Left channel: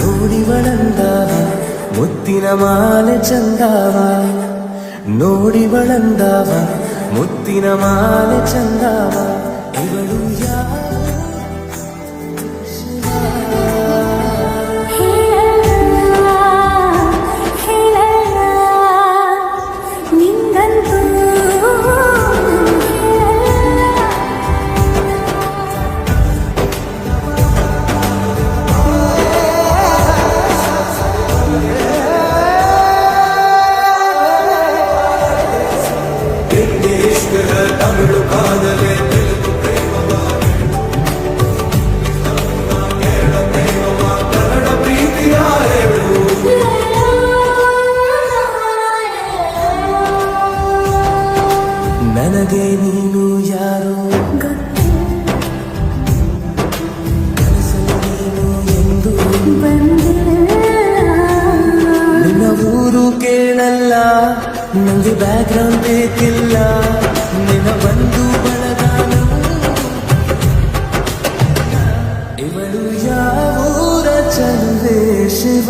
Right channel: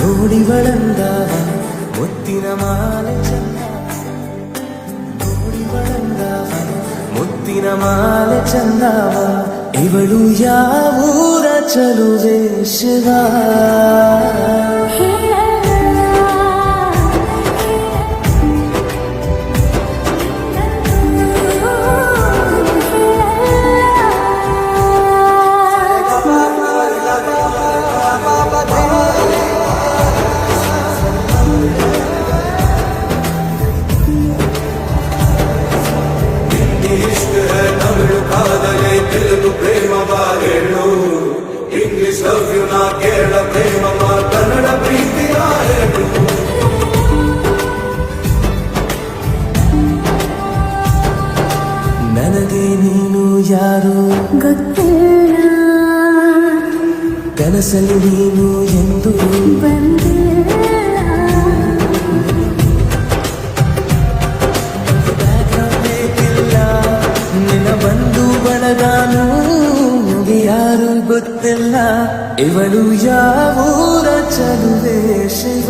ನೋಡಿವಳಂದಾವ ಮುತ್ತಿನ ಮಾಲೆ ಚಂದಾವ, ನೋಡಿವಳಂದಾವ ಮುತ್ತಿನ ಮಾಲೆ ಚಂದಾವ, ಇವಳು ಯಾವೂರ ಚಲುವೆ ಶಿವ. ತಮಿಳು ಕಾದಲೆ ತೆಲುಗು ಪ್ರೇಮವ ಹೇಳು, ಇಂಗ್ಲಿಷ್ ಲವ್ ಯು ನಾ ಕೇಳ ಪ್ರೇಮವ ಕನ್ನಡ ಪ್ರೀತಿಯ ಹೇಳು. ನನಗೆ ನೀನು ಯಾರು ಗೊತ್ತಿಲ್ಲ, ಕನಸಲ್ಲಿ ನೀನು ಎಂದು ಬಂದಿಲ್ಲ. ನಿನ್ನ ಊರು ಕೇಳಲ್ಲ, ನಂಗೆ ಬ್ಯಾಕ್ಗ್ರೌಂಡ್ ಬೇಕಿಲ್ಲ, ನಿನ್ನ ಬಂಧು ಬಳಗಾನು ನಂಗೆ ಯಾರು ಗೊತ್ತಿಲ್ಲ, ಇವಳು ಯಾವೂರ ಚಲುವೆ ಶಿವ.